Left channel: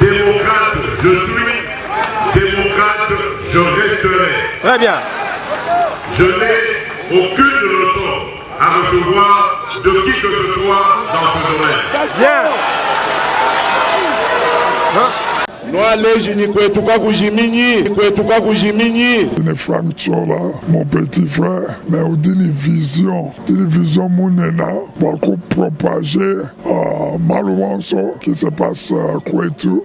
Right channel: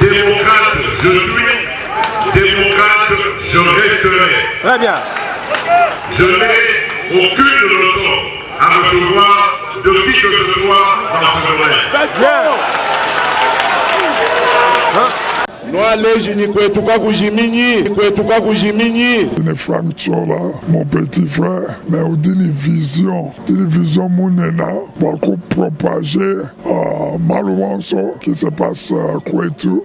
démocrate je suis, démocrate je resterai. Très bien. Je n'ai aucune leçon à recevoir de qui que ce soit dans ce domaine. Bien. C'est Frank Chola, mon petit frère, mais on dit une vision mounena pour propager malheureusement ce qui se passe à Kouetou.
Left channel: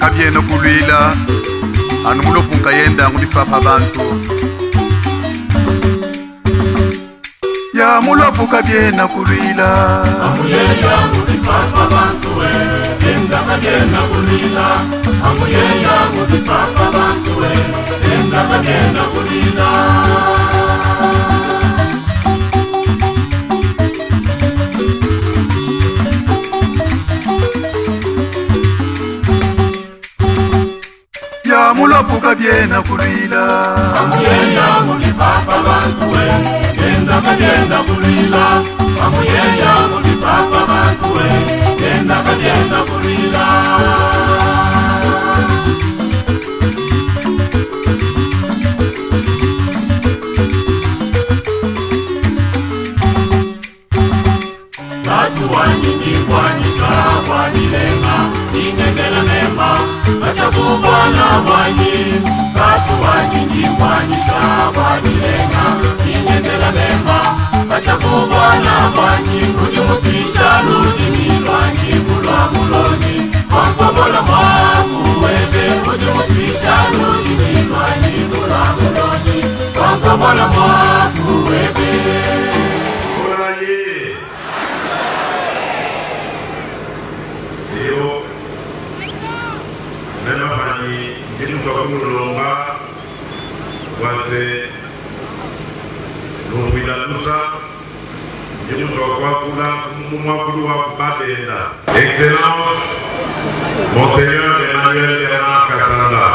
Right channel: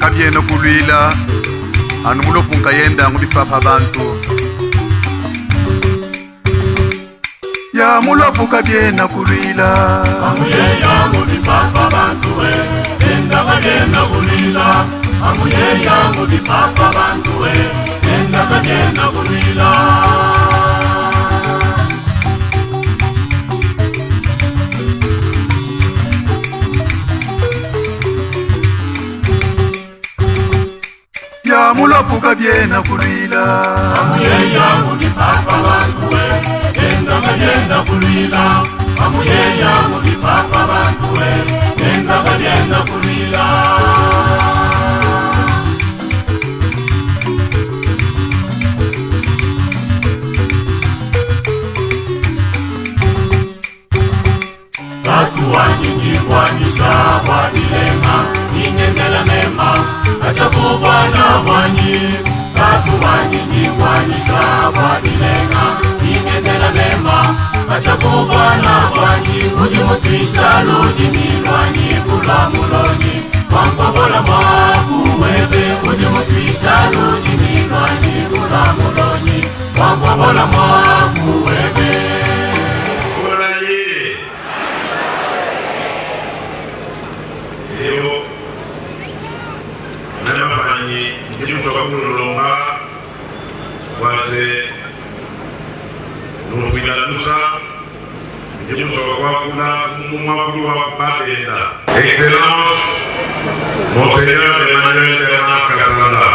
Kabieno kulwila anumulo punkayenda ngulipapa bantu ya mulopu kabiena kulwila ya mulopu kabiena kulwila Excellence, Monseigneur Emmanuel Bernard Kassanda,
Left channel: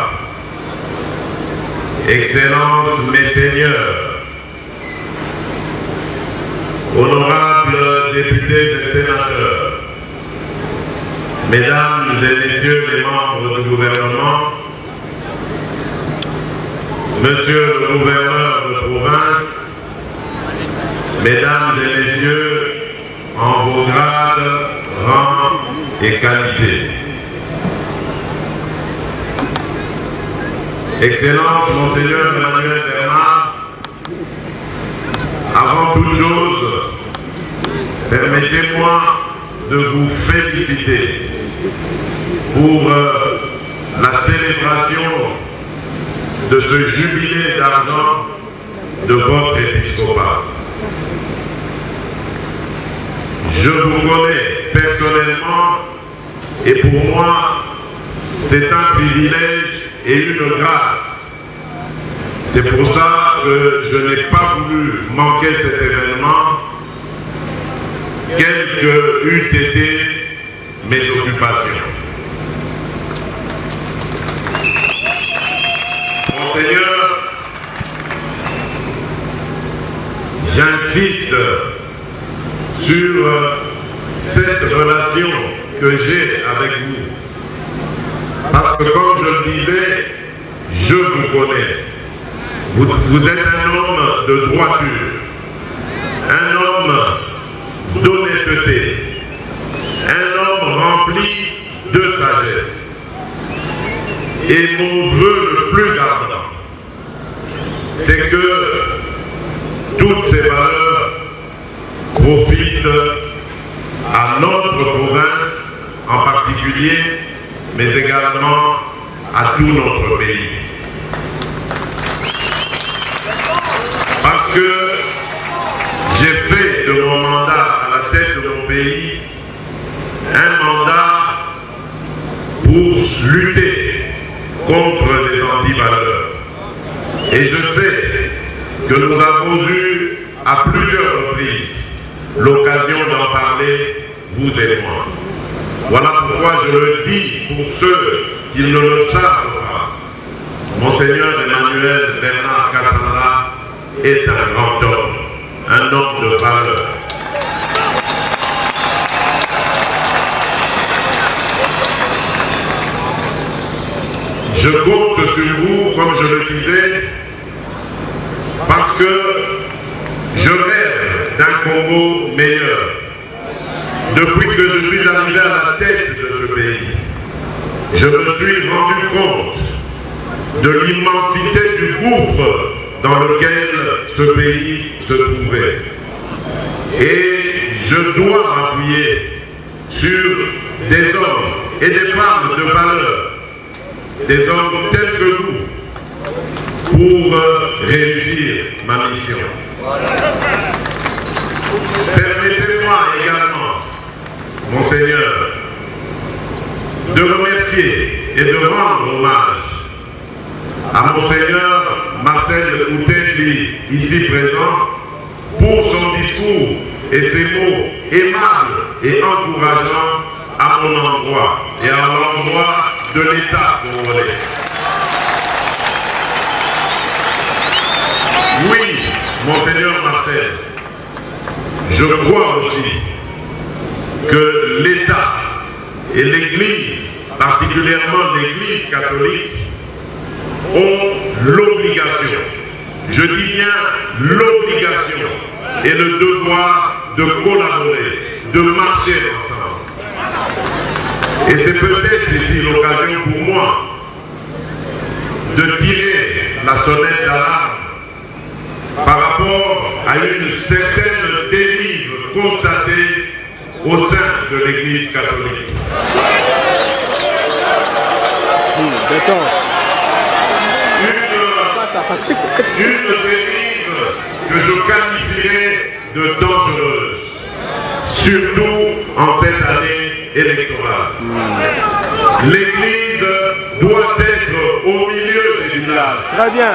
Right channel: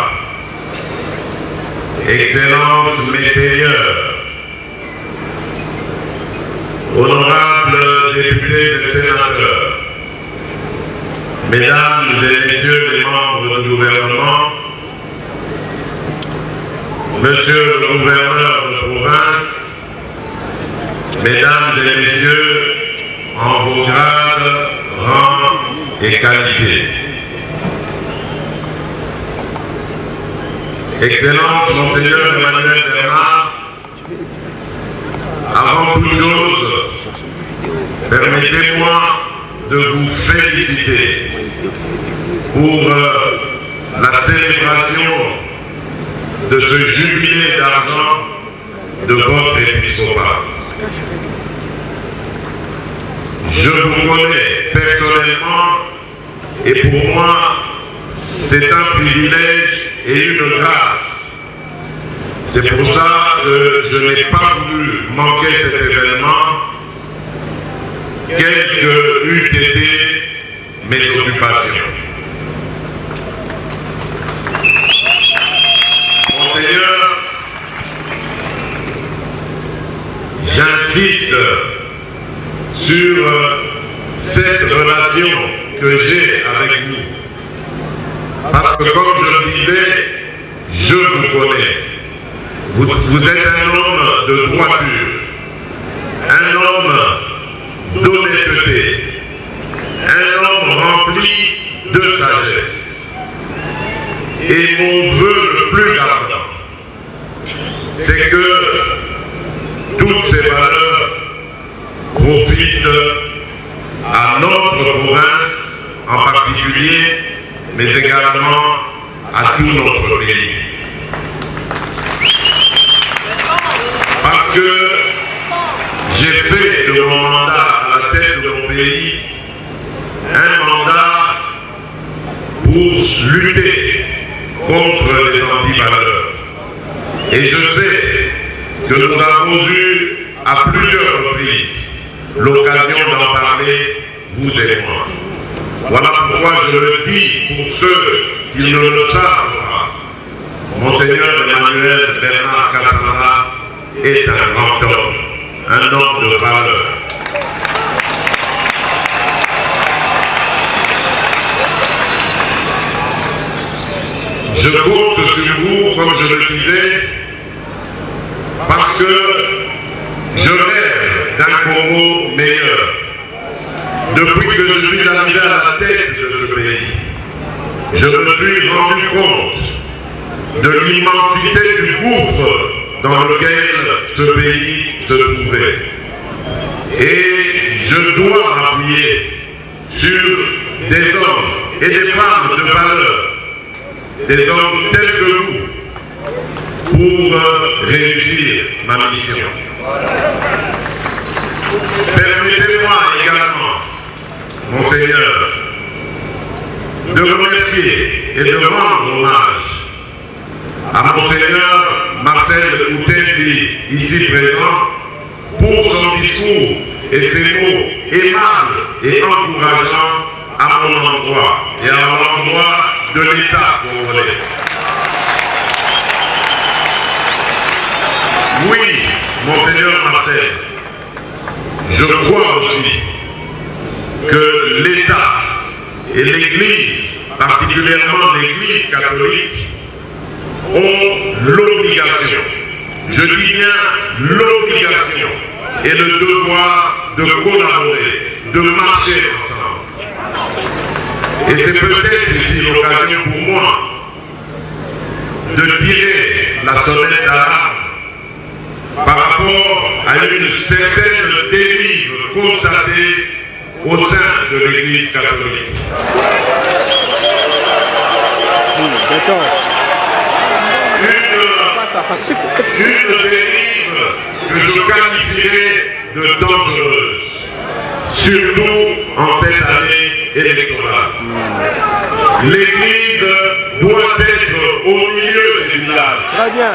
Excellence, Messeigneurs, honorables députés et sénateurs, Mesdames et Messieurs les membres du gouvernement, Monsieur le gouverneur de province, Mesdames et Messieurs, en vos grades, rangs et qualités. Excellence, Monseigneur Emmanuel Bernard, avant toute chose, permettez-moi de vous féliciter pour la célébration de ce jubilé d'argent de votre épiscopat. Je vous connais personnellement et pour moi, c'est un privilège et une grâce. C'est pour ça que je n'ai pas voulu manquer cet événement, quelles que eussent été mes occupations. Monseigneur, j'insiste sur cette relation que j'ai avec vous. Parce que comme je le disais, je vous connais. Vous êtes un homme de droiture, un homme d'honnêteté, un homme rempli de sagesse. Et mon vœu le plus ardent, c'est que toutes ces valeurs profitent à notre province en particulier, mais également à tout notre pays. Parce que j'ai fait de mon mandat à la pays un mandat pour lutter contre les antivaleurs. Et je sais que nous avons eu à plusieurs reprises l'occasion d'en parler, vous et moi. Voilà pourquoi je le dis pour ceux qui ne le savent pas. Monseigneur Emmanuel Bernard Kassanda est un grand homme, un homme de valeur. Je compte sur vous, comme je le disais, parce que je rêve d'un Congo meilleur. Depuis que je suis arrivé à la tête de ce pays, je me suis rendu compte de l'immensité du gouffre dans lequel ce pays se trouvait. Et je dois m'appuyer sur des hommes et des femmes de valeur, des hommes tels que nous, pour réussir ma mission. Permettez-moi également, Monseigneur, de remercier et de rendre hommage à Monseigneur Marcel Outendi, ici présent, pour son discours et ses mots aimables et encourageants à mon endroit et à l'endroit de l'État congolais. Oui, Monseigneur Marcel, je crois aussi que l'État et l'Église, particulièrement l'Église catholique, ont l'obligation, je dis bien l'obligation et le devoir de collaborer, de marcher ensemble. Et c'est peut-être ici l'occasion pour moi de tirer la sonnette d'alarme par rapport à une certaine dérive constatée au sein de l'Église catholique. Une dérive que je qualifierais de dangereuse, surtout en cette année électorale. L'Église doit être au milieu des villages. Très bien.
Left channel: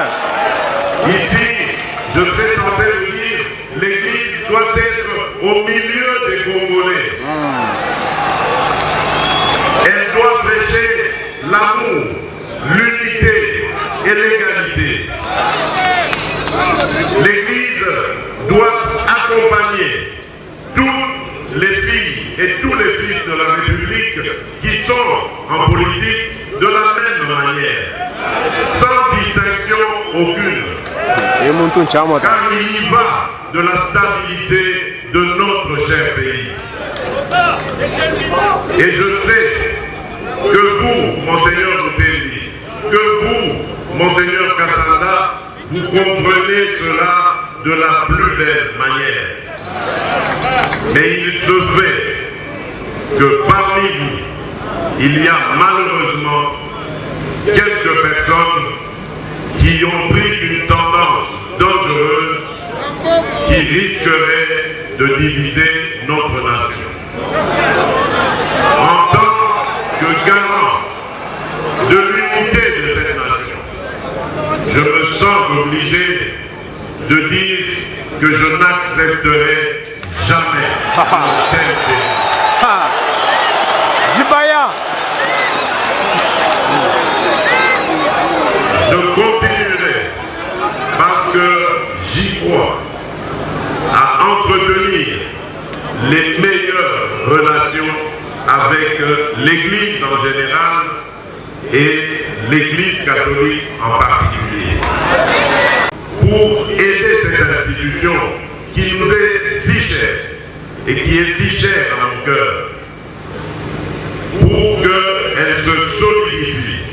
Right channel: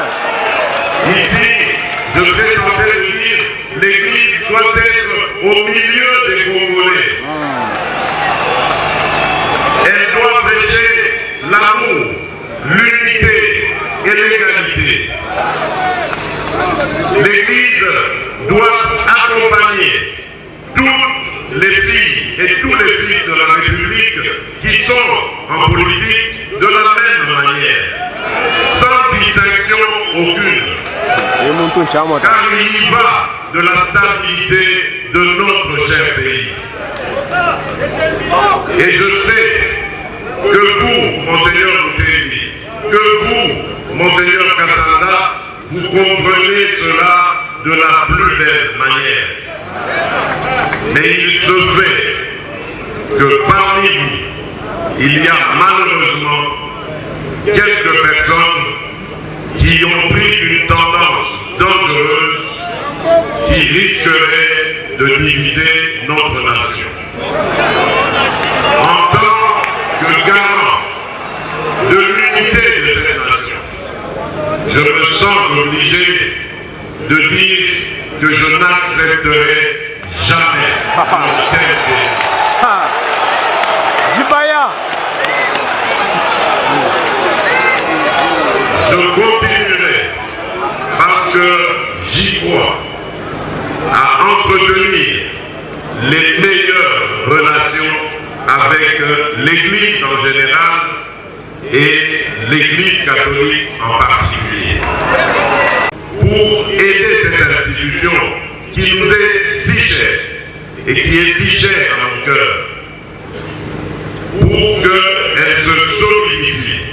Ici, je serais tenté de dire, l'Église doit être au milieu des Congolais. Elle doit prêcher l'amour, l'unité et l'égalité. L'Église doit accompagner toutes les filles et tous les fils de la République qui sont en politique de la même manière, sans distinction aucune. Car il y va de la stabilité de notre cher pays. Et je sais que vous, Monseigneur Outendi, que vous, Monseigneur Kassanda, vous comprenez cela de la plus belle manière. Mais il se fait que parmi vous, il y a malheureusement quelques personnes qui ont pris une tendance dangereuse qui risquerait de diviser notre nation. En tant que garant de l'unité de cette nation, je me sens obligé de dire que je n'accepterai jamais une telle dérive. Djibaya. Je continuerai parce que j'y crois à entretenir les meilleures relations avec l'Église en général et l'Église catholique en particulier. Pour aider cette institution qui nous est si chère et qui est si chère à mon cœur, pour qu'elle se solidifie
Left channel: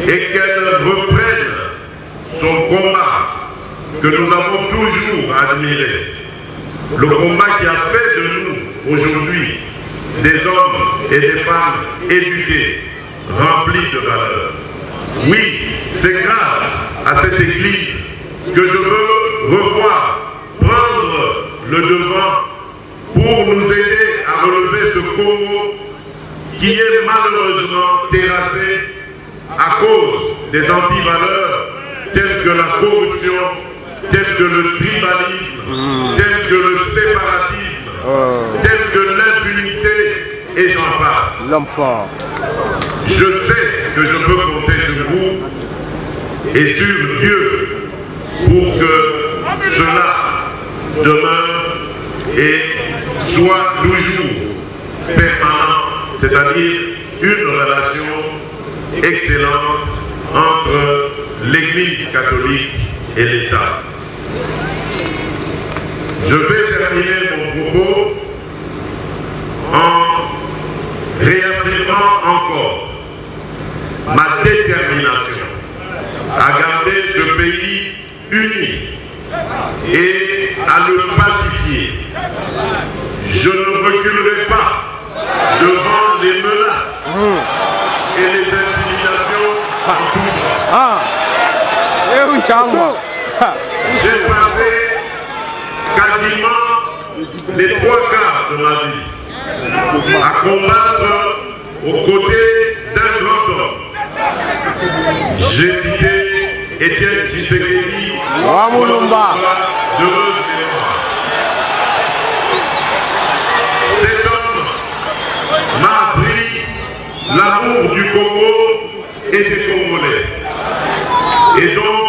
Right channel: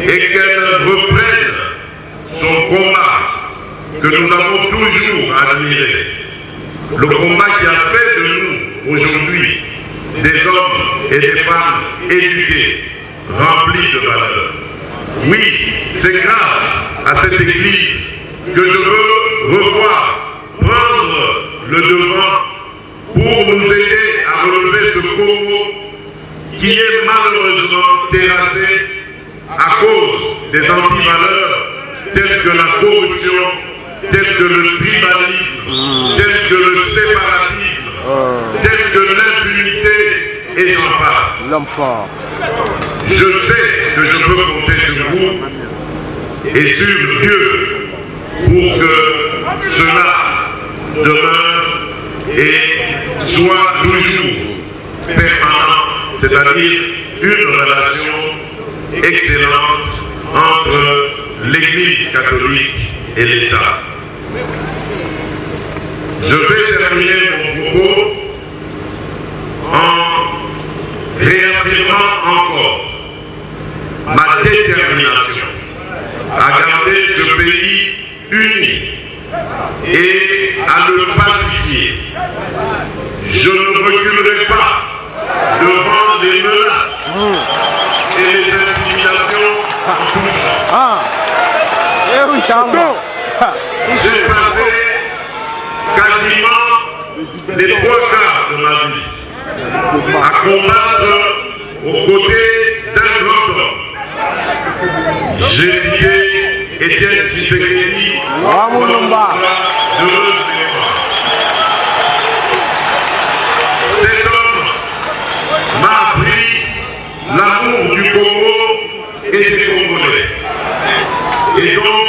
et qu'elle reprenne son combat que nous avons toujours admiré, le combat qui a fait de nous aujourd'hui des hommes et des femmes éduqués, remplis de valeurs. Oui, c'est grâce à cette Église que je veux revoir, prendre le devant pour nous aider Congo qui est malheureusement terrassé à cause des antivaleurs telles que la corruption, telles que le tribalisme, telles que le séparatisme, telles que l'impunité et j'en passe. L'homme fort. Je sais que je peux compter sur vous et sur Dieu pour que cela demeure et soit toujours permanent, c'est-à-dire une relation excellente entre l'Église catholique et l'État. Je vais terminer mon propos en réaffirmant encore ma détermination à garder ce pays uni et à le pacifier. Je ne reculerai pas devant les menaces et les intimidations en tout temps. J'ai passé quasiment les 3 quarts de ma vie à combattre aux côtés d'un grand homme. J'ai cité Étienne Tshisekedi, cet homme m'a appris l'amour du Congo et des Congolais. Et donc,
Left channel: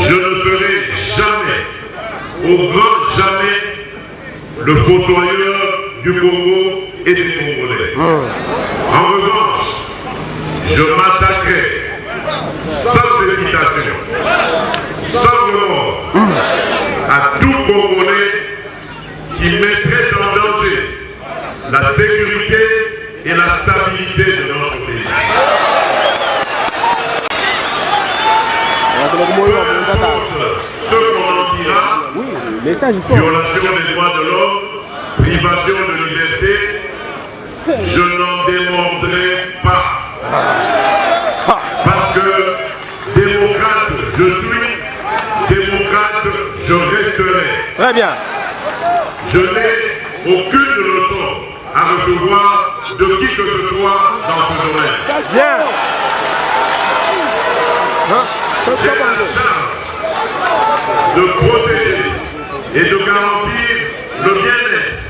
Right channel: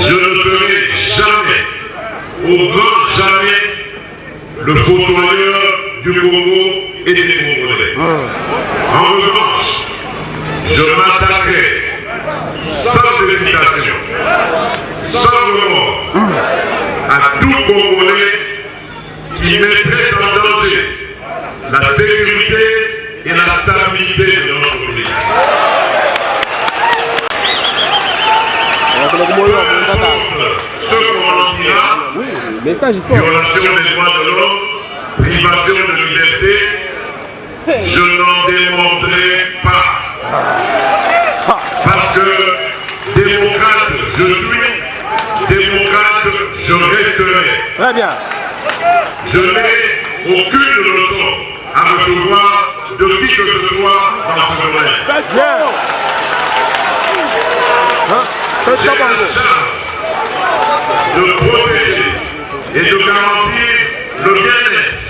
je ne ferai jamais, au grand jamais, le fossoyeur du Congo et des Congolais. En revanche, je m'attaquerai sans hésitation, sans remords, à tout Congolais qui mettrait en danger la sécurité et la stabilité de notre pays. Ce qu'on en dira, violation des droits de l'homme, privation de liberté, je n'en démordrai pas. Parce que démocrate je suis, démocrate je resterai. Très bien. Je n'ai aucune leçon à recevoir de qui que ce soit dans ce domaine. Bien. J'ai la charge de protéger et de garantir le bien-être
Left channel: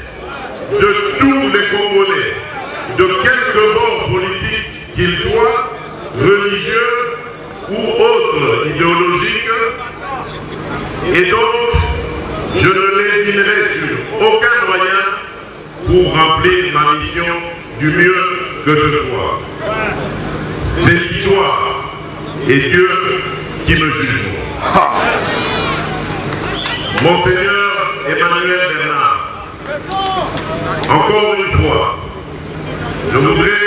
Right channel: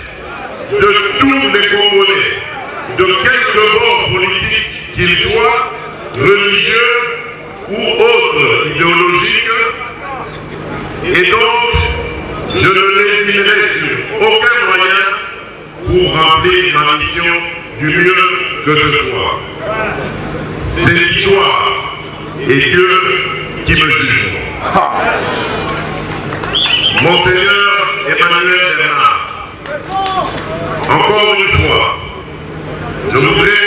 de tous les Congolais, de quelque bord politique qu'ils soient, religieux ou autres idéologiques, et donc je ne lésinerai sur aucun moyen pour remplir ma mission du mieux que ce soit. C'est l'histoire et Dieu qui me juge. Monseigneur Emmanuel Bernard, encore une fois, je voudrais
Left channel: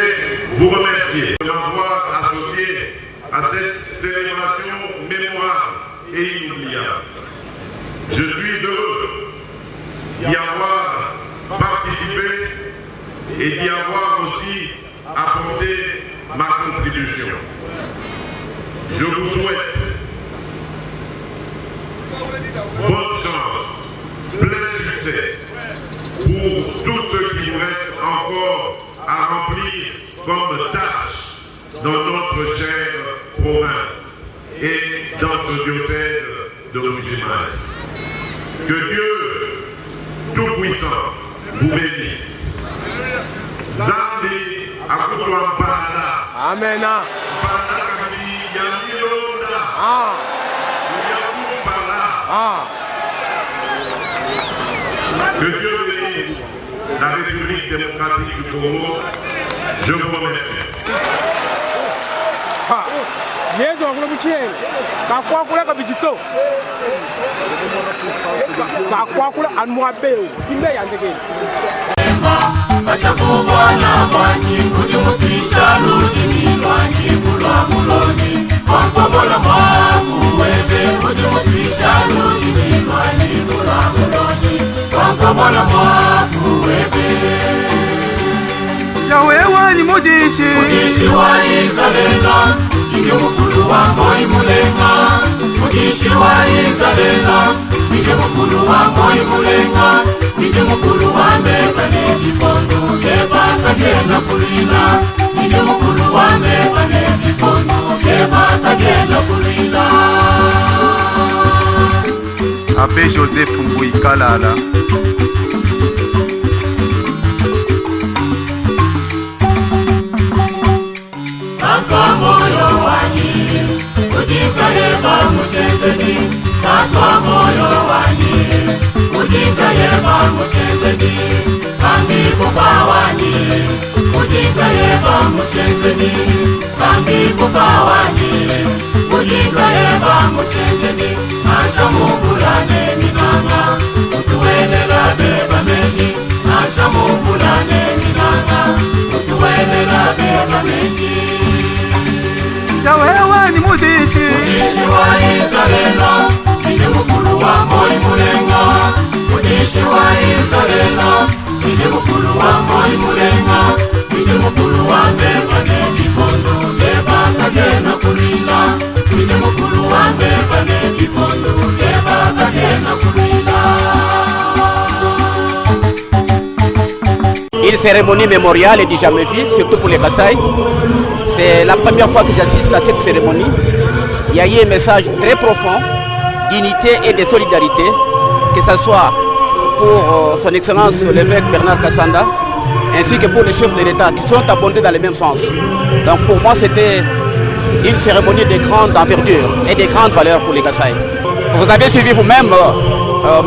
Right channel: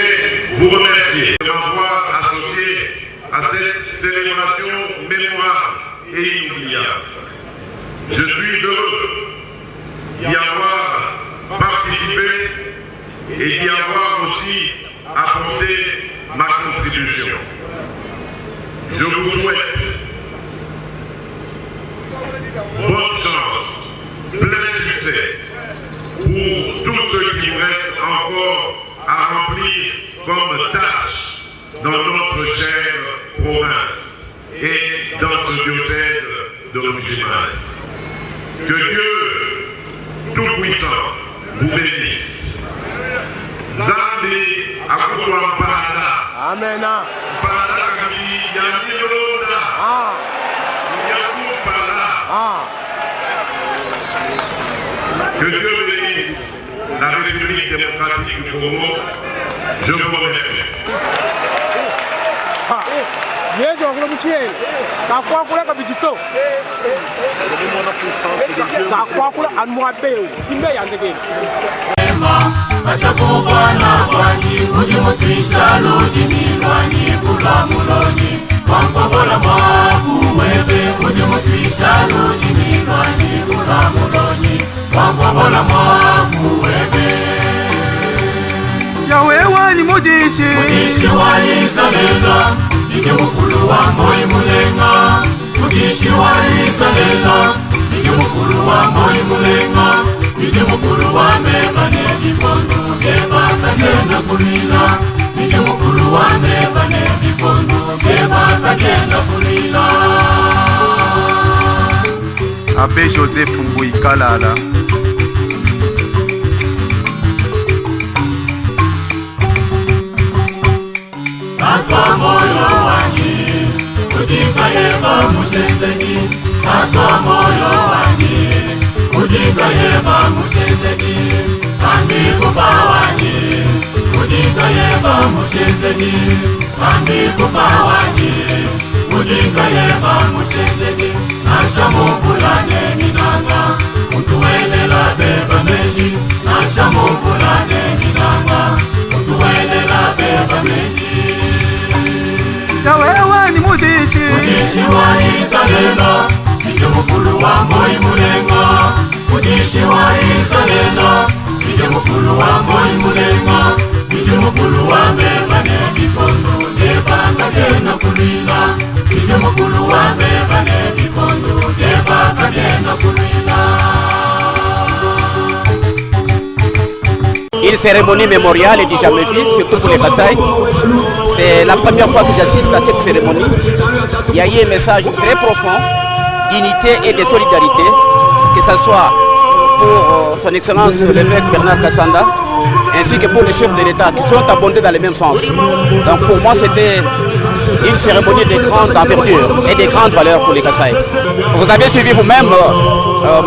vous remercier de m'avoir associé à cette célébration mémorable et inoubliable. Je suis heureux d'y avoir participé et d'y avoir aussi apporté ma contribution. Je vous souhaite bonne chance, plein succès pour tout ce qui vous reste encore à remplir comme tâche dans notre chère province et dans ce diocèse de Rougimaille. Que Dieu Tout-Puissant vous bénisse. Zambi Akutuampanda. Amen. Panda Kabili Yamilonda. Que Dieu bénisse la République démocratique du Congo. Je vous remercie. Yezo akula muchele. Kakwakula kabijito. Kakwakula anmuabeu. Kimbe yandekeni. Yahweh wani mudishi Mulenga, Abbé Joseph Mbui Kalala. Wewe ni mudishi Une cérémonie mémoriale est du jamais vue, surtout pour les Kasaï. C'est la première fois que j'assiste à cette cérémonie. Il y a eu un message très profond d'unité et de solidarité, que ce soit pour son Excellence l'évêque Bernard Kassanda, ainsi que pour les chefs de l'État qui sont abondés dans le même sens. Donc pour moi, c'était une cérémonie de grande envergure et de grande valeur pour les Kasaï. Vous avez suivi vous-même,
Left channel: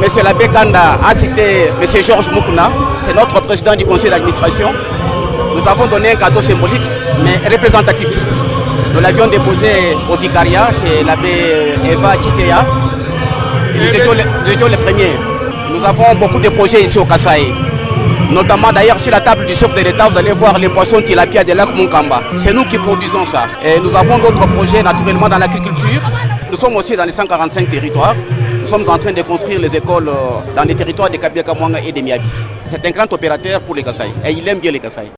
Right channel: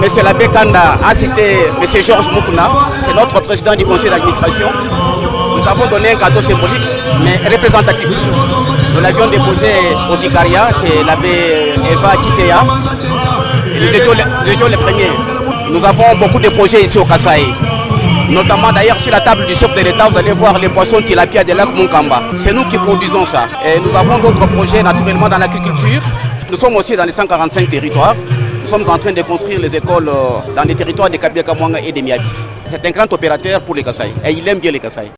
M. l'abbé Kanda a cité M. Georges Moukouna, c'est notre président du conseil d'administration. Nous avons donné un cadeau symbolique, mais représentatif. Nous l'avions déposé au vicariat chez l'abbé Eva Titea. Et nous étions les premiers. Nous avons beaucoup de projets ici au Kasaï. Notamment d'ailleurs sur la table du chef de l'État, vous allez voir les poissons tilapia de lac Munkamba. C'est nous qui produisons ça. Et nous avons d'autres projets naturellement dans l'agriculture. Nous sommes aussi dans les 145 territoires. Nous sommes en train de construire les écoles dans les territoires de Kabia Kamwanga et de Miabi. C'est un grand opérateur pour les Kasaï. Et il aime bien les Kasaï.